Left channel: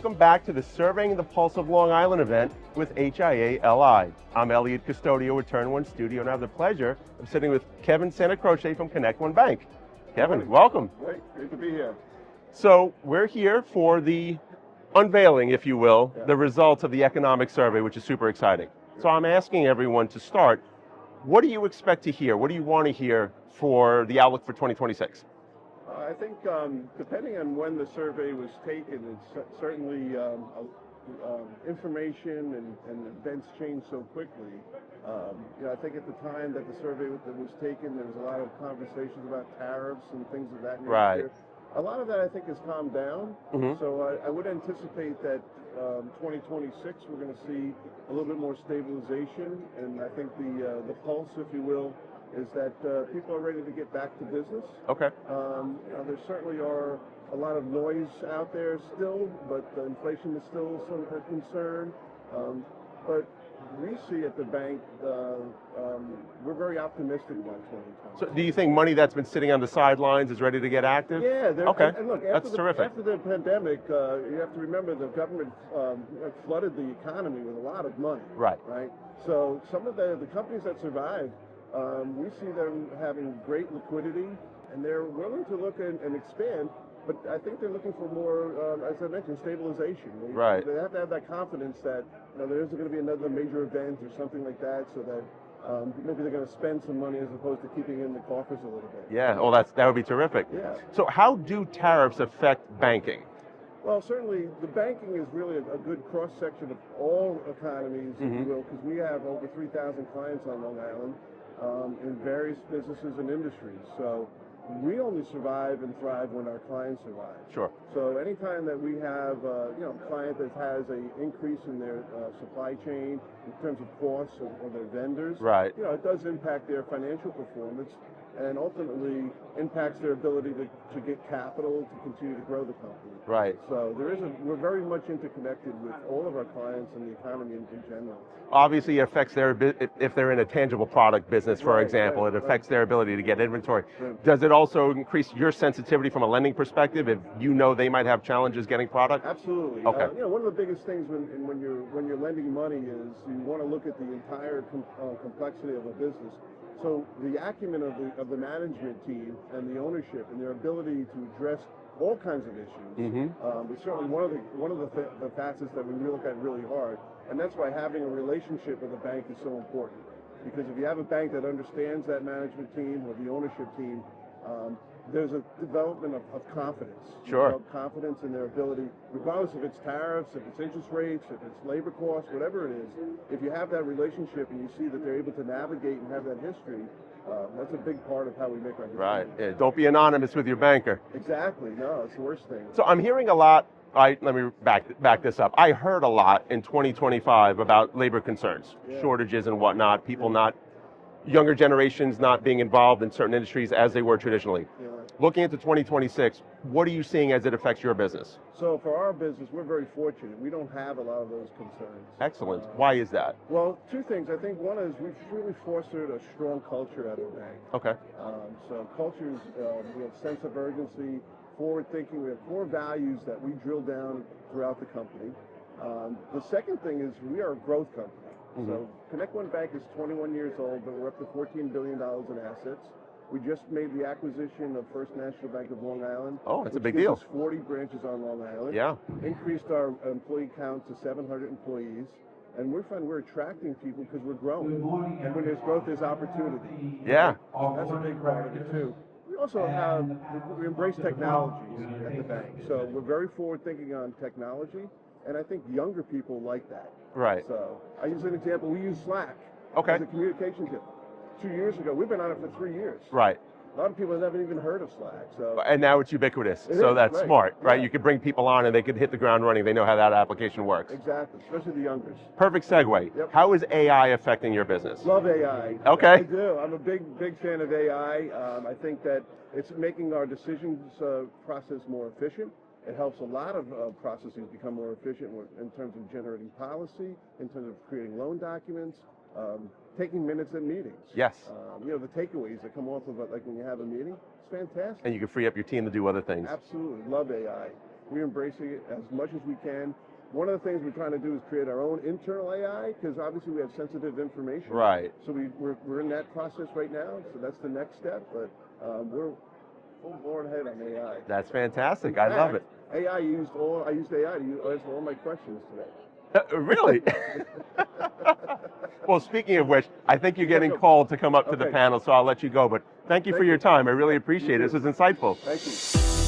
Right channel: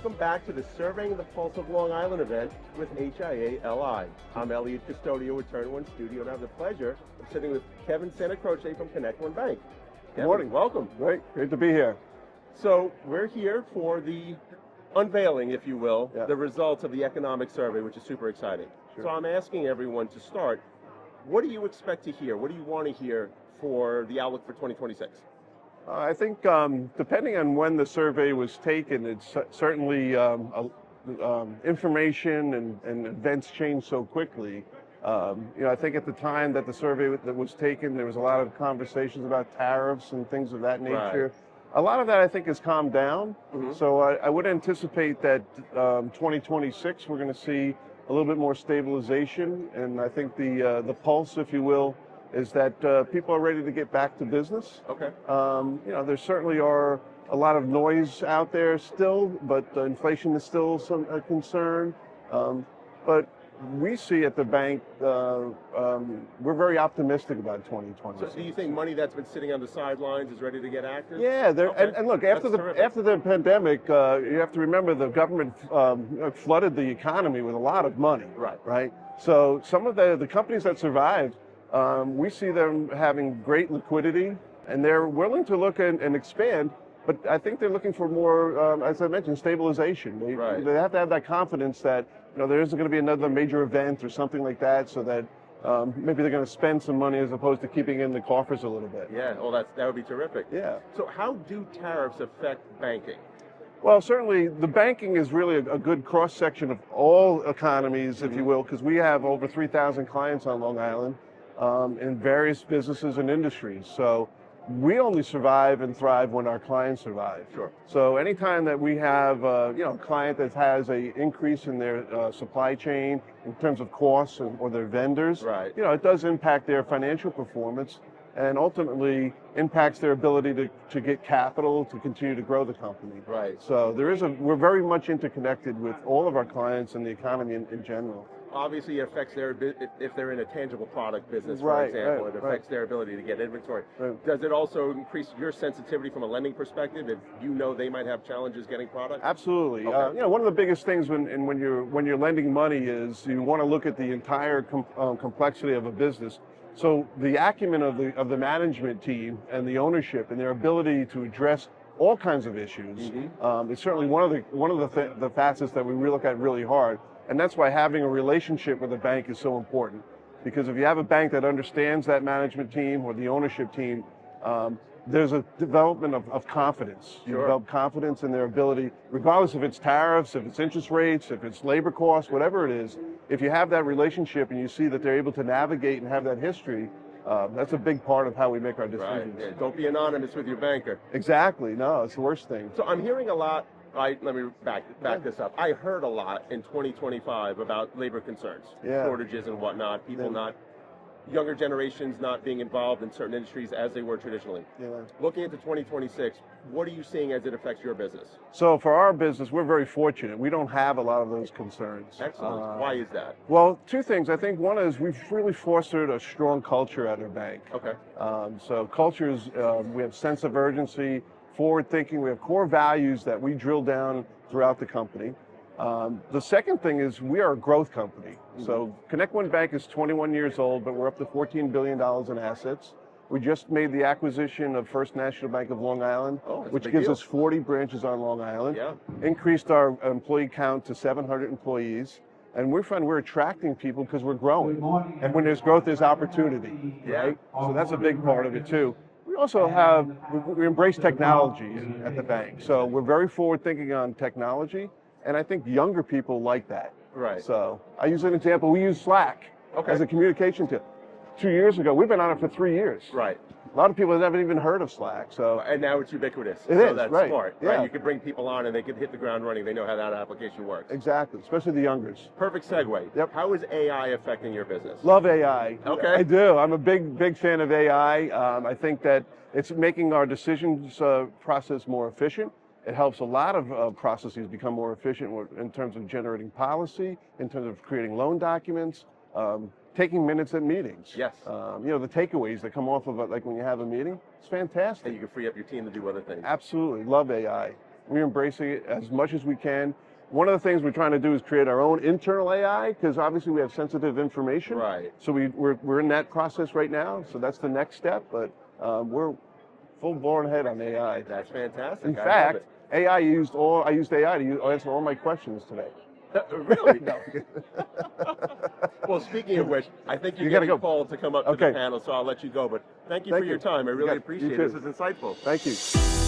Welcome back to the Surveying the Pulse of Long Island event with HIA-LI. I'm Eliud Custodio with Turn1 Studio, and I have the pleasure of sitting with Kevin Santacroce from ConnectOne Bank. Kevin, welcome. Great to be here. So we're here for the unveiling, if you will, the results of the economic survey, which is super exciting. Sure. So I'm asking everyone to start, what do you expect to hear? What do you want to hear for the outlook for 2026? I think depending on when the survey was taken, it's certainly information and events change so quickly. I think at the time that the survey was taken, there was a lot of conversations about tariffs and things of that nature. Right. A lot of that I think has calmed down. So I would anticipate that 2026 we're going to see a little bit more stabilization, and I think the pulse, if you will, is that people are ready to get back to business. Okay. There certainly are a lot of noise out there still, but inflation is still a concern. But we see at the bank, we're very optimistic about 2020. So do you think money that's been sitting on the sidelines is ready to get active? Yeah, okay. and look, after the pandemic, you have to remember the government flooded the economy with a lot of money. Right. So some of the companies that survived, we see them having great liquidity, and they're willing to look and expand, but I think they're looking for more, as I mentioned, stabilization. They have to have that confidence that there isn't going to be another major event or something like that, so that maybe they're going to spend some money as opposed to keeping in the coffers a little bit. Yeah, well, that would be terrific. Yeah. So how do tariffs affect banking? Well, certainly the banking is really a good cross-section of all economies, if you will, because we have over 3,000 clients on Long Island. In various businesses and industries. So we only survive and thrive when our clients survive. Sure. So anytime that we have a client that has an increase in their supply chain in terms of costs or their vendors, it does impact their financial performance and ultimately impacts their ability to get capital to continue to grow the company. Right. So we're very much interconnected with all of our clients and the economy in general. Obviously, it affects if they're in a tangible product business, for example, it affects their ability to get inventory. Does it also increase your sensitivity from a lending perspective if you know they might have challenges getting product? Absolutely. Okay. One of the biggest things when you're lending money is you want to look at the entire complexity of a business. So the acumen of the management team and the ownership and their ability to address all kinds of issues is certainly one of the facets that we look at really hard. And that's why having a relationship with a bank is so important. Because if you have a bank that understands that management team or the ownership team, there's a development of confidence. You develop confidence in their ability, regardless if it's tariffs, if it's interest rates, if it's labor costs, whatever it is. If you have that relationship and you see that they're able to navigate and have that history, that's a big part of how we make our decisions. Right. Yeah, don't be anonymous with your banker. Exactly. No, it's the worst thing. So I'm hearing a lot. Let me back this up. I heard a lot in 2025 about labor concerns, shortages and whatnot, younger generations not being involved in certain industries as they were traditionally. Looking into 2026, what are you seeing as it affects your business? So for our business, we're very fortunate. We don't have a lot of those concerns. Excellent. Why is that? Well, two things. I think one is we've really fostered a strong culture at our bank. Okay. So culture is, we have sense of urgency, forward thinking, we have core values that we drill down throughout the company. The second thing is we are a growth company. So ConnectOne Bank is 21 years old, but we're up to $14 billion in assets. We just made the acquisition of First National Bank of Long Island, which gives us 40 branches on Long Island. Yeah. Increased our employee count to 700 employees. And we find we're attracting people because we're growing. And when there's growth, there's opportunity. Yeah. Right? So that's a big part of it too. We also we embrace technology at the bank. So we're very forward thinking on technology. And I think younger people like that. Right. So I use an example. We use Slack as a communication tool. 2 years ago, we've been on it for 3 years. Right. A lot of people have never even heard of Slack. So and now it's ubiquitous. So that's smart, right? Yeah. You could bring people on and they could hit the ground running. They know how that application works. Exactly, especially the youngers. Perfect segue. Yep. How is AI affecting your business? Love AI. Okay. I do. I'm a big fan of AI. I think that it's making our decisions process more efficient. It helps a lot of processes become more efficient in terms of generating policy, in terms of creating loan documents, taking minutes at meetings. Yes. The takeaways that come off of it, like when you have a meeting, it's fantastic. And you can free up your team to do other things. Absolutely. Love AI. We're embracing it as much as we can. One of the things we're trying to do is create our own internal AI, because obviously we have sensitive information. Right. So we're in that process right now, so that's the next step, but we're full-blown ahead on AI. That's fantastic. In I fact, love it. I used AI to answer all my questions today. Really? Well, speaking of which, I think you're getting called to come up to the panel, so I'll let you go. But thank you for your time. I really appreciate it. This is insightful. Thank you.